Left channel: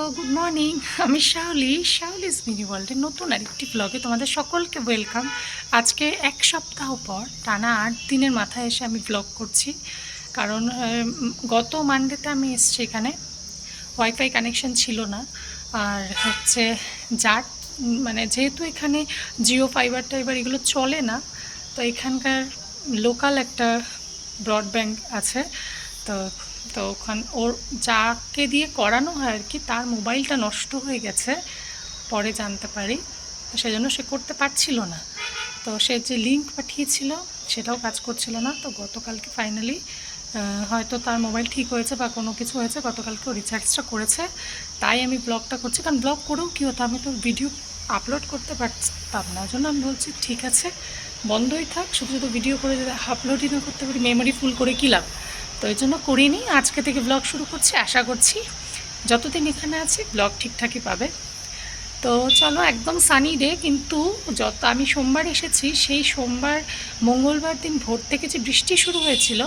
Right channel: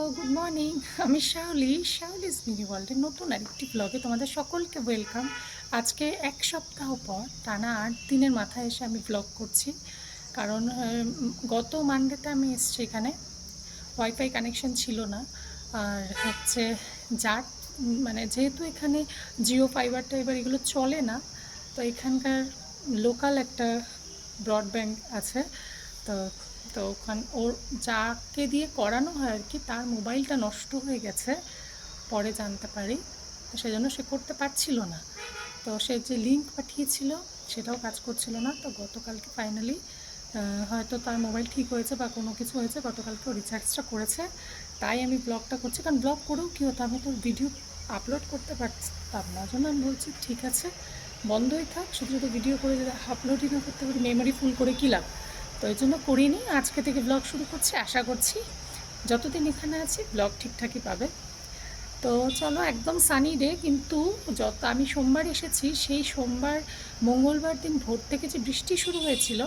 Good morning আমি Shaoli শাওলিস mini ওয়ার্ল্ডের নতুন আরেকটি ব্লগে তোমাদের সকলকে ওয়েলকাম আজকে এক সপ্তাহ পর, টানা আট দিনের মাথায় এসে আমি ব্লগ করছি। কারণ গত মানডেতে আমি এসছি এখানে। ওয়াইফাই কানেকশন ছিল না। আর হচ্ছে যার মানে যেহেতু এখানে জিও ফাইবার টাইবার এগুলো চলে না, তো এখানকার লোকাল একটা ব্রডব্যান্ড আছে। তো তো ওখান, ওর যাকে দিয়ে করানো হয় আর কি, তার মোবাইলটা নষ্ট হয়ে গেছে, পরে জানতে পারি। তো সেজন্য সে করতে পারছিল না। তো সে যে লিঙ্ক পাঠিয়েছিল, সেটাও কাজ করছিল না। তো গতকালকে ফাইনালি হয়তো তার মোবাইল ঠিক হয়েছে বা কোনো কিছু হয়েছে, গতকালকে ও রিচার্জটা করেছে। তাই আমি ব্লগটা করছি, কারণ ব্লগ করেও কী হতো, আমি তো ভিডিও আপলোড করতে পারতাম না। ওই জন্য আমি বলছি, ঠিক আছে, বন্ধই থাক, শুধু শুধু ভিডিও করে যদি আপলোডই না করতে পারি মেমোরি ফুল করে কী লাভ? তো এই জন্য করিনি। আজকে থেকে ব্লগ শুরু করছি। আশা করছি যতদিন এখানে আছি ব্লগ ঠিকঠাকই পাবে। তো চলো, একদম সানি ডে কিন্তু যত আমি সোমবার এসেছি, সেই সোমবার, মঙ্গলবার দিন ভোর থেকে যে বৃষ্টি শুরু হয়েছিল,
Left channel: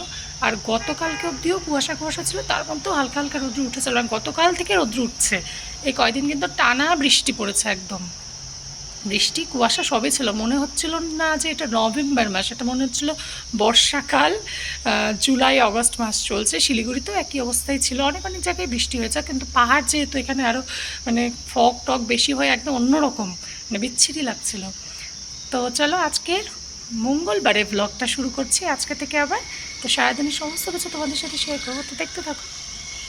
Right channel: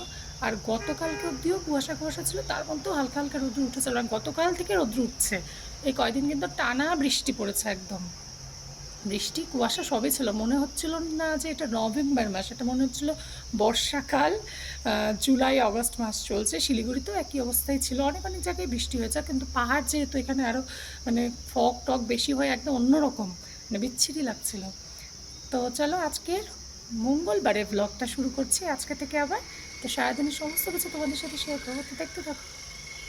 আর গতকালকে অবধিও কুয়াশা কুয়াশা ছিল, তার মধ্যেও হালকা হালকা রোদ্র উঠেছিল গতকাল থেকে রোদ্র উঠছে। এই কয়দিন কিন্তু টানা বৃষ্টি পড়েছে একদম। বৃষ্টি, কুয়াশা সবই ছিল। মনে হচ্ছিল না যে এটা নভেম্বর মাস, এটা মনে হচ্ছিল বর্ষাকাল। জুলাই, অগস্ট মাস চলছে। শিলিগুড়িতেও একই অবস্থায় ছিল। অনেক অনেক জায়গায় বৃষ্টি হয়েছে, কিন্তু পাহাড় যেহেতু এখানে আরও মানে ফগ টক বেশি হয়, একদম অন্যরকম মানে বিচ্ছিরি লাগছিল। তো চলো আজকের মঙ্গলবারে ব্লগটা শুরু করছি। আজকে থেকে আবার তো সারাদিনের সমস্ত কিছু তোমাদের সাথে শেয়ার করব। তো দেখতে থাকো।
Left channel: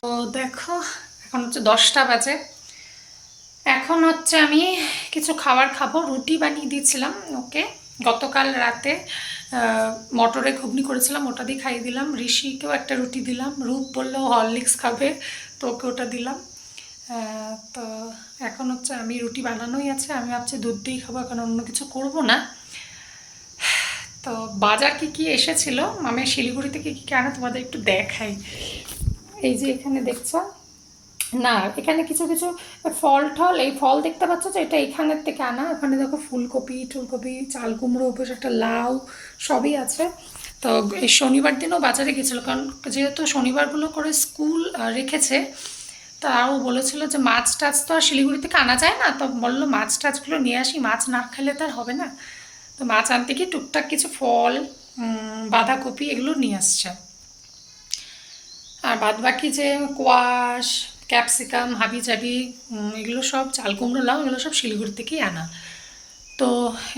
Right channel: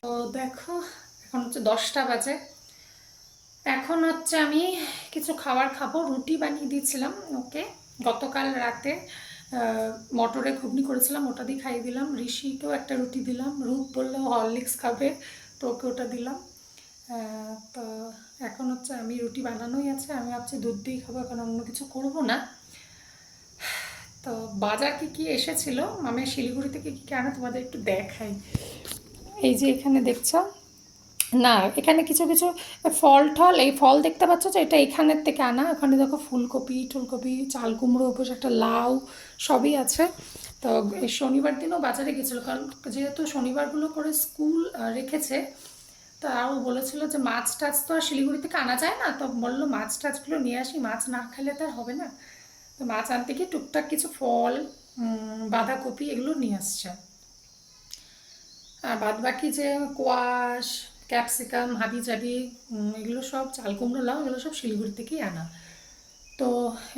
তো দেখো, এখন হচ্ছে দশটা বাজে। এখন হচ্ছে আমি কিছু খাবার খাব, রুটি বানিয়ে দিয়েছিলাম, ওকে। গতকাল রাতে মটরে ঘুগনি করেছিলাম, ওটা দিয়ে খাইয়ে দিলাম। ঋষিকেও একটা রুটি দিলাম, রূপ বলল হরলিক্স খাবে তো ওকে ওটা দিলাম। তো এখন হচ্ছে আমি রুটি বানানোই আছে, আমি ভাবছি দুধ দিয়েই খাব, এখন অন্য কিছু করব না। তো বাজার কি কি এসেছিল? আমি শিলিগুড়ি থেকে কি কি আনা তোমাদের একটু দেখাই। এই যে এখানে দেখছ না, এখানে কিছু কিছু ফল টল, এই ফল দেখতে পাচ্ছ যে এটা এখানের থেকে আনা। ওখানে দেখো ফুলকপি, টুলকপি, চাল কুমড়ো উপর একটা লাউ, সবই আছে। তো এই শনিবার দিনও বাজারে গেছিল, কারণ যেহেতু শনিবারগুলো করে স্কুল রেখেছে তা ও বলেছিল যে মাছ টাছ তো আর শিলিগুড়ি থেকে আনা যায় না। তো বলল মাছ টাছগুলো নিয়ে আসি, মাছ না খেলে তো আর হবে না। তো মাছ আনতে গিয়ে টুকটাক কিছু ফল বাঁধাকপি এগুলো নিয়ে আসছে। আর বাদ বাকি যে কোয়াশ ক্যাপসিকাম হাবি জাবি এগুলো সব চাল কুমড়ো, লাউ, এগুলো সব শিলিগুড়ি থেকেই আনা। তো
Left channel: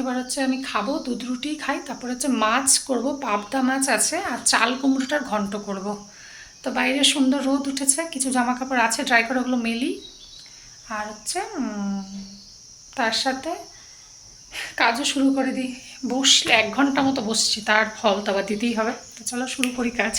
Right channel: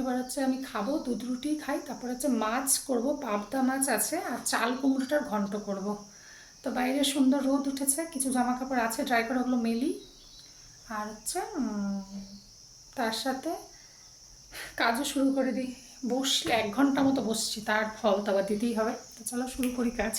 এবার হচ্ছে আমি খাব, দুধ রুটি খাই, তারপর হচ্ছে মাছ করব, পাবদা মাছ আছে, আর চাল কুমড়োটার ঘন্ট করব। তো বাইরে সুন্দর রোদ উঠেছে, কিছু জামা কাপড় আছে ড্রাই করে ওগুলো মেলি। আর হচ্ছে তার সাথে কাজও শুরু করে দিই। বসলে এক ঘণ্টা মতো বসছি, তার ফল তো আবার দিতেই হবে। তো চলো শুরু করি কাজ।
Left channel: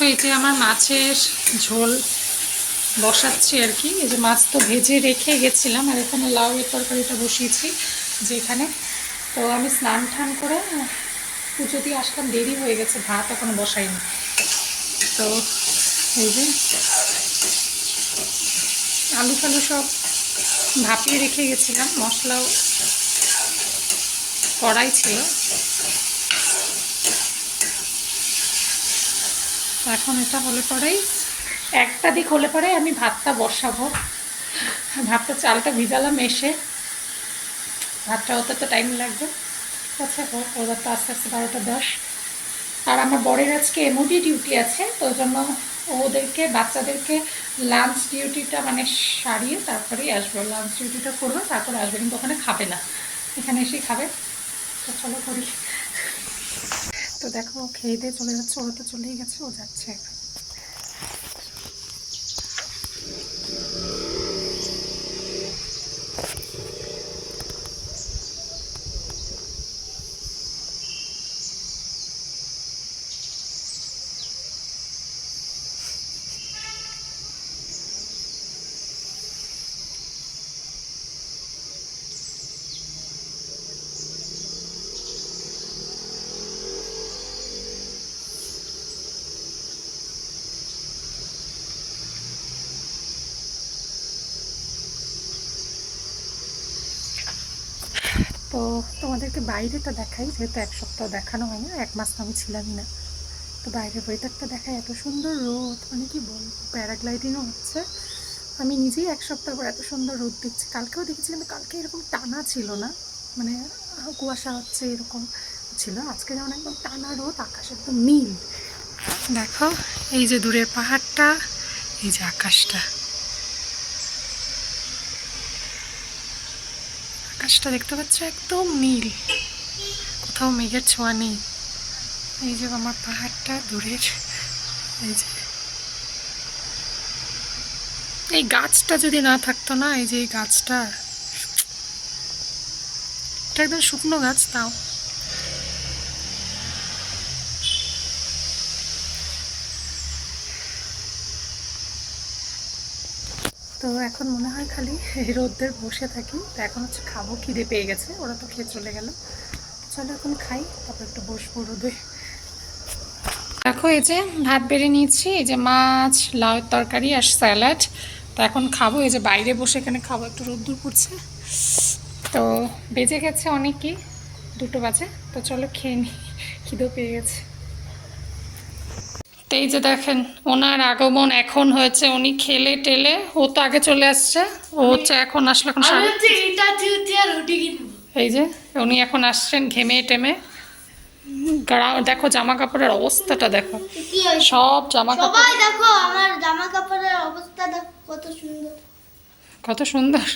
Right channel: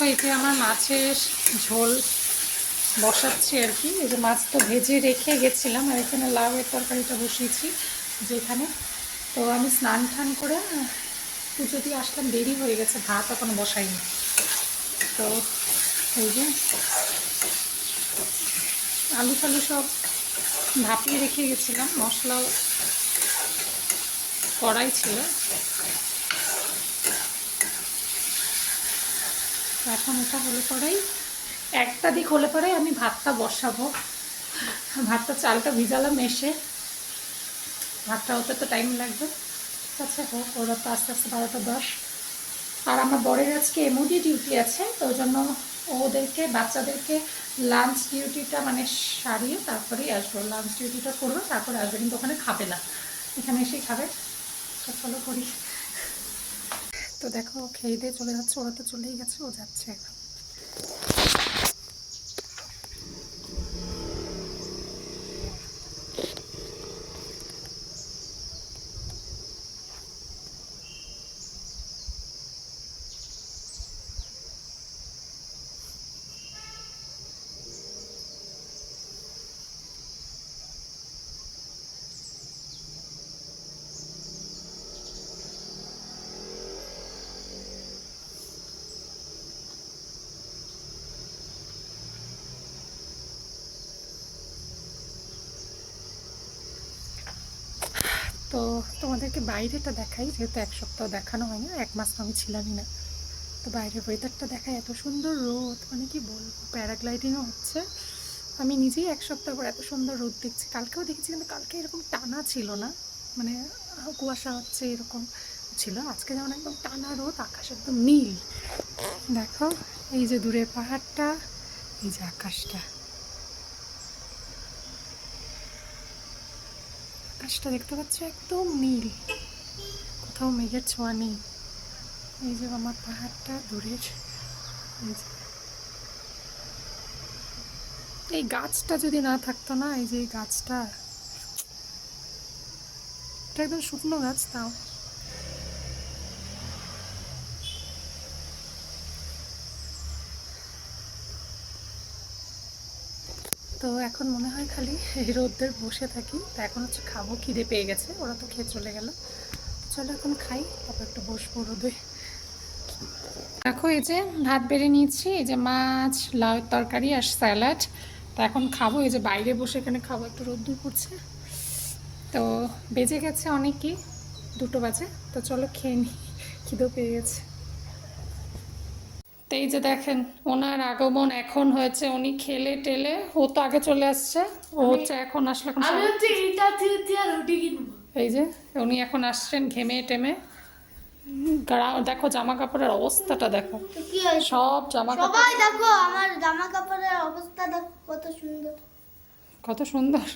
দেখো এই যে আমার মাছের ঝোল বসাচ্ছি আর কি। এই যে মাছ তো ভেজে রেখে গেছিলাম আর এখানে লাউ এর তরকারিটা বসিয়েছি যেখানে। তো আমি স্নান টান করে পুজো দিয়ে আসলাম, দেরি হয়ে গেছে, ভাত এখনও বসাইনি। তো এই যে আলু ফালু সব ভাপিয়ে রেখে গেছিলাম, মশলাও কড়াই ছিল। তো এখন এটা হলে পরেই একটা দিক হলে পরে আমি ভাতটা বসাবো। ভাতটা চালটা ভিজালাম এসে। ভাতটা হতে তো টাইম লাগবে। ঠিক আছে, হোক, ওরা তো আস্তে আস্তে বারোটা দশ। আর আমার বরের আজকে এমওডি ডিউটি আছে, তো জন্য ওদেরকে, বাচ্চাদেরকে লাঞ্চ ডিউটিটা মানে সারিয়ে তারপরেই আসব। লাঞ্চ ডিউটিটা করবে, তারপরে আসবে, কিন্তু ওখানে খাবে না। এখানে এসেই খাবে। তো চলো করি। দেখো খেয়ে দিয়ে চলে যাচ্ছে ওরা তো চলেই গেছে ও যাচ্ছে। তোমাদেরকে বাইরেটা দেখাই, যেহেতু এক সপ্তাহ দেখানো হয় না এক মাস তো আমি ছিলামই না। তো বাইরের ওয়েদারটা দেখায় এত সুন্দর রোদ মানে কি বলব প্যারাগ্লাইডিংও হচ্ছে। আমি নিজেই এক সপ্তাহ পর এত সুন্দর রোদ দিচ্ছি। কালকেও দেখেছি, কিন্তু কালকে এরকম টানা ছিল না। মানে কুয়াশা হচ্ছে, এরকম ছিল। আজকে যেমন একদম টানা রোদ, আকাশ একদম নীল। দেখো, এই যে দূরের পাহাড়টা, এই যে আকাশটা। আকাশটা দেখতে পাচ্ছ? একদম নীল। কোথাও মেঘের ছোঁয়া নেই। এই যে আমার পাহাড়টা দূরের। এই যে। এই গাছটা যদি না থাকতো না, এই যে এই গাছটা, এটা একদম শুকনো গাছ, তাও। তো এখন মনে হয় খালি এই রোদ্রের বসে থাকি। তো এখন হচ্ছে খাব, খিদে পেয়ে গেছে, ওরা তো খেয়ে চলে গেল। চলো এখন খাই, তারপর একটু বসবো রোদে। দেখো এই যে ভাত বেড়ে নিয়েছি, এই যে মাছ লাউয়ের তরকারি আর স্যালাড। তো এখন খাব, এই যে বাইরে বসে এখানে খাব, একটু রোদ্দুর পড়ছে। তো বেজে গেছে অনেকই, দুটো বাজে। তো চলো খেয়ে নিই খিদেও পেয়ে গেছে। তো এই যে দেখেন ওনার আগমন এখন হয়েছে উনি খেলে টেলে ও তো আগে চলে আসছে ও হচ্ছে এখন আসলে এখন এই যে উনি এখন আসছেন ঘেমে টেমে। দেখো জামা কাপড়ের অবস্থাটা দেখো। সব জামা কাপড় দেখো আমার জামা কাপড়ের অবস্থা দেখো কত সুন্দর। কত সুন্দর।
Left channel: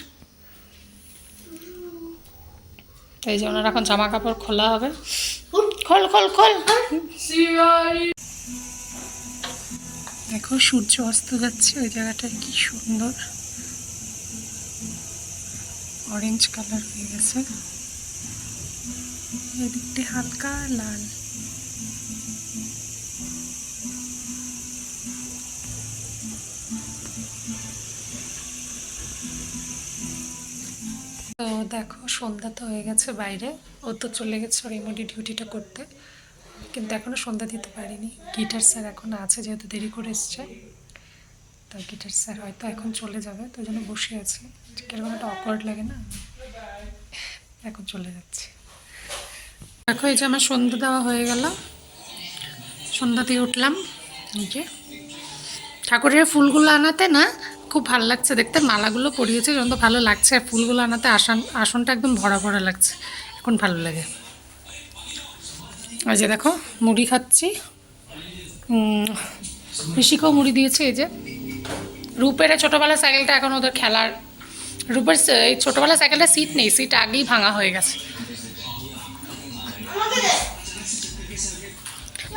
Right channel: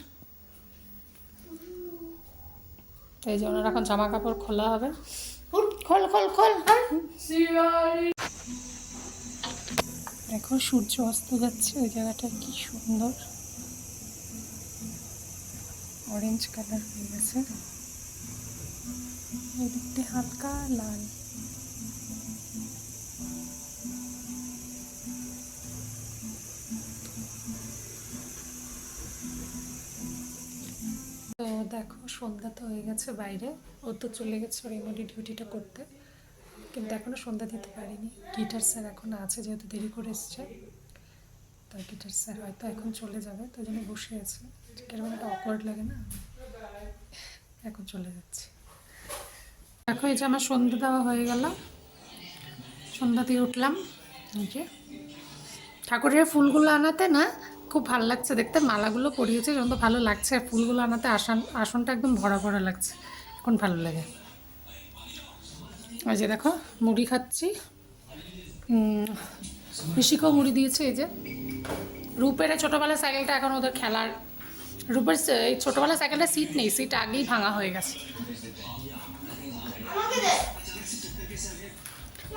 এই যে ওনার এখন জামা কাপড় খোলা হবে। খোল খোল খোল। দেখো, সূর্য অস্ত যাচ্ছে, ওই জায়গাটা কি সুন্দর। অরেঞ্জ কালার হয়ে গেছে। এদিকটা হালকা লাল। তো দেখো, সন্ধ্যা তো হয়ে গেছে বাইরে। ও তো চলে গেছে ওর ইমোডি ডিউটিটা করতে। কিন্তু এখনও সন্ধ্যা দিতে পারিনি। গিটার স্যার এখন আছে যেহেতু দেরি করে এসছে। তো গিটার স্যার হয়তো এখন চলে যাবে তো জন্য বসে আছি। কীরকম একটা অকওয়ার্ড লাগে না? এখন চলে যাচ্ছে। দেখো এই যে আমার সন্ধ্যা দেওয়া হয়ে গেল। সন্ধ্যা দিয়ে উঠলাম। নিজে ঠাকুরের ফুলগুলো আনাতে না খুব ভালো লাগছে। দেখতে মালাগুলো পরিয়েছে যখন তো ভালো লাগছে। আর ফুলগুলো আনাতে আসন আসনটা একদম ভরা ভরা লাগছে। এখন ভালো লাগে। আর যে দেখো, মুড়ি খাচ্ছি। ঋষিকেও মুড়ি দিয়েছে, এই যে। রূপের ছোটোবেলা সাইকেলটা এখন ওদের খেলার রূপের এই ছোটোবেলা সাইকেলটা সিট নেই সিট আগেই ভাঙা হয়ে গেছে।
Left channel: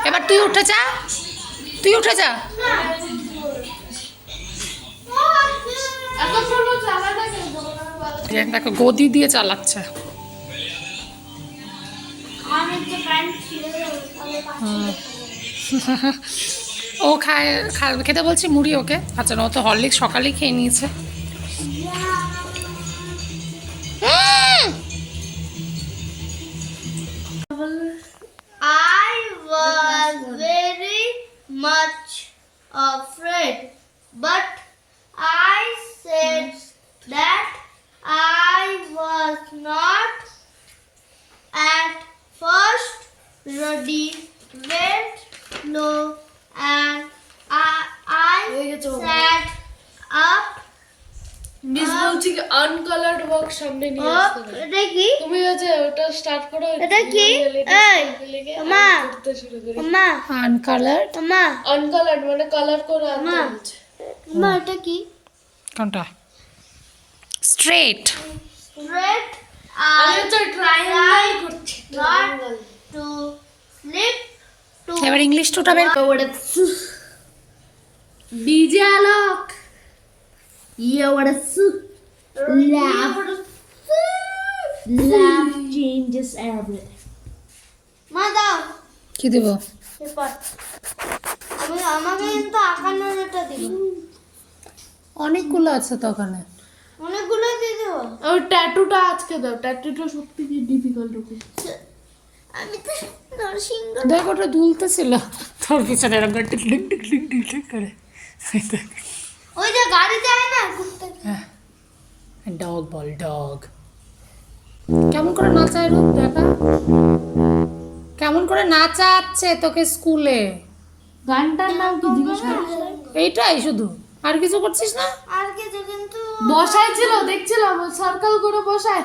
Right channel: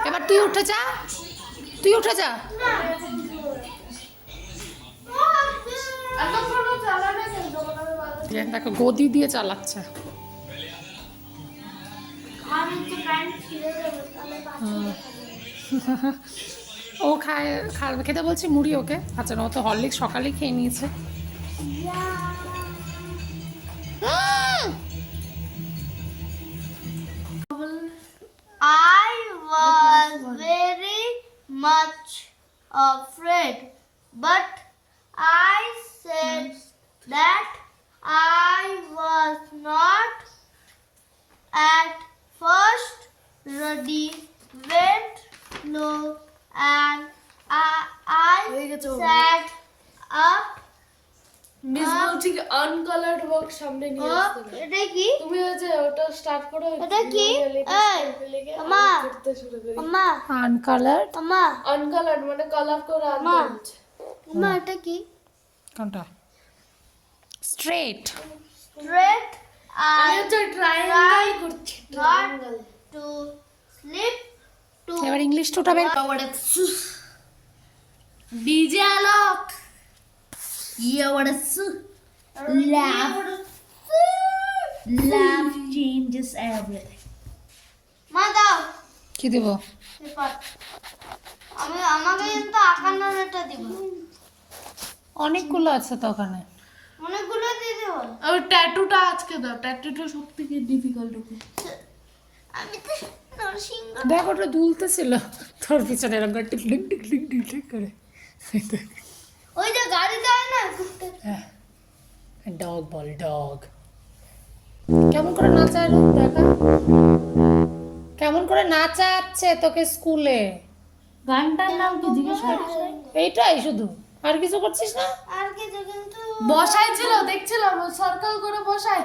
এবার তুই উঠে যা। তুই উঠে যা। দেখো, গদি দিয়ে চালাচ্ছে। ও খায় খেতে বলছি মুড়ি ওকে আচ্ছা ও তো হরলিক্স সকালেই খেয়ে নিয়েছে I was very much afraid, but I said that I was not ready, went low, and I, I sat up. Miss ah. বলছি কি আনকালার্ড বক্স সামনে নিয়ে. আসতে হবে। এটা কি তুমি ওই যে ওটা স্টার্ট করো এটা কি? এই, মা। মা আনকালার্ড মা আনকালার্ড মানে কালার করে মা। মা এটা কি কোনটা স্ট্রেট I তো ট্রায়াঙ্গেল করছি to এবার ইংলিশ টোটা বের কর। DJ Alok yeah laugh changes everything. মা দাও কি দিব? পেপার আমি আমাকে কিন্তু আঁকানোর এটা দিব। অনেকগুলো আছে তো ওখানে। অনেকগুলো দিয়ে দেবো। ওই ট্যাটুটা আজকে দাও। ট্যাটুটা সত্যি কি ডিফিকাল্ট ওকে দেখ ওটা দুলতেছিল। তোর পিছনে এরকম করে tick tick tick tick tick tick করে। ওই যে গাড়ি যায় না ডগ বল ডগ কেমন করে নাচায় কেমন করে নাচাচ্ছে তোকে স্কুলে? গানটার নাম কি জিজ্ঞেস এইটাই শুধু। আর কিছু করছিস না? আর কিছু কিন্তু বসাই ছিল দেখছিলাম সার্কেল করে বসায়।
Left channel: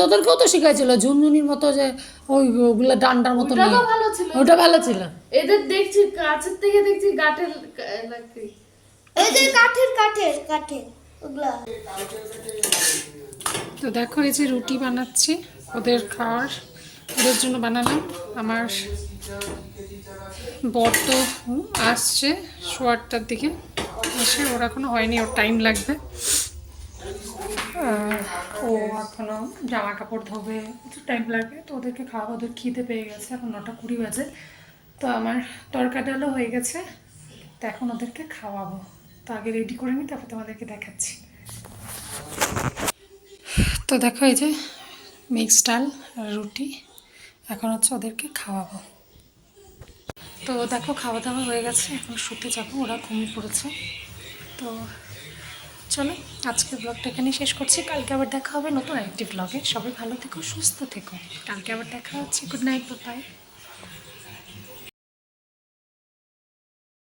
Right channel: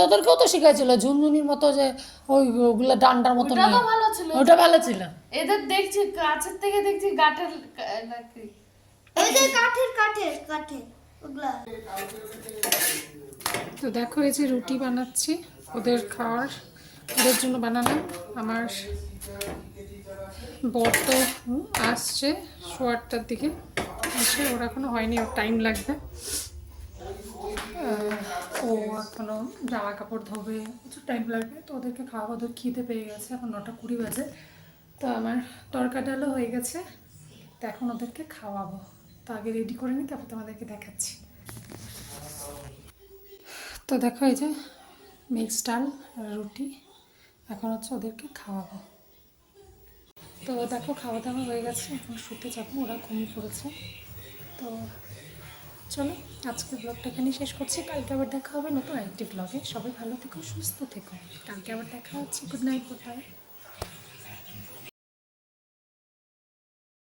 তোদেরকেও তো শিখাইছিল ঝুনঝুনির মতো যে ওই ওগুলো ডান্ডার মতো ওটা তো ভালো ছিল। ওটা ভালো ছিল। এদের দেখছি কাছের থেকে দেখছি গাটের নাকি? এই যে কাঠের কাঠের কাঠের ওগুলা। তো দেখো এই যে রুটি বানাচ্ছি ওদের খাওয়ার। ওদের জন্য বানালাম। আমার বর তো আসছে সোয়ারটার দিকে। এসে ওর এখনও হয়নি ওর টাইম লাগবে। ও এখনও জামা কাপড় ধোবে, একটু টাইম লাগবে তো ওদেরকে খাওয়া, ওদের খিদে পেয়ে গেছে, এখন নটা কুড়ি বাজে। তো আমার তরকা ডালও হয়ে গেছে, তো এখন ওদেরকে খাওয়াবো। তো আগে রেডি করে নিই তারপর তোমাদেরকে দেখাচ্ছি। তো দেখো এই যে মিক্স ডাল রুটি, এখন হচ্ছে ওদেরকে খাওয়াবো। তো দেখো খাওয়া দাওয়া হয়ে গেছে, এখন শুতে যাব, ওরা ঘুমিয়ে পড়েছে। তো চলো, আজকের ব্লগটা এখানে শেষ করছি। কালকে আবার দেখা হবে নতুন একটি ব্লগে সবাই ভালো থেকো, সুস্থ থেকো। কালকে আবার দেখা হচ্ছে। Good night bye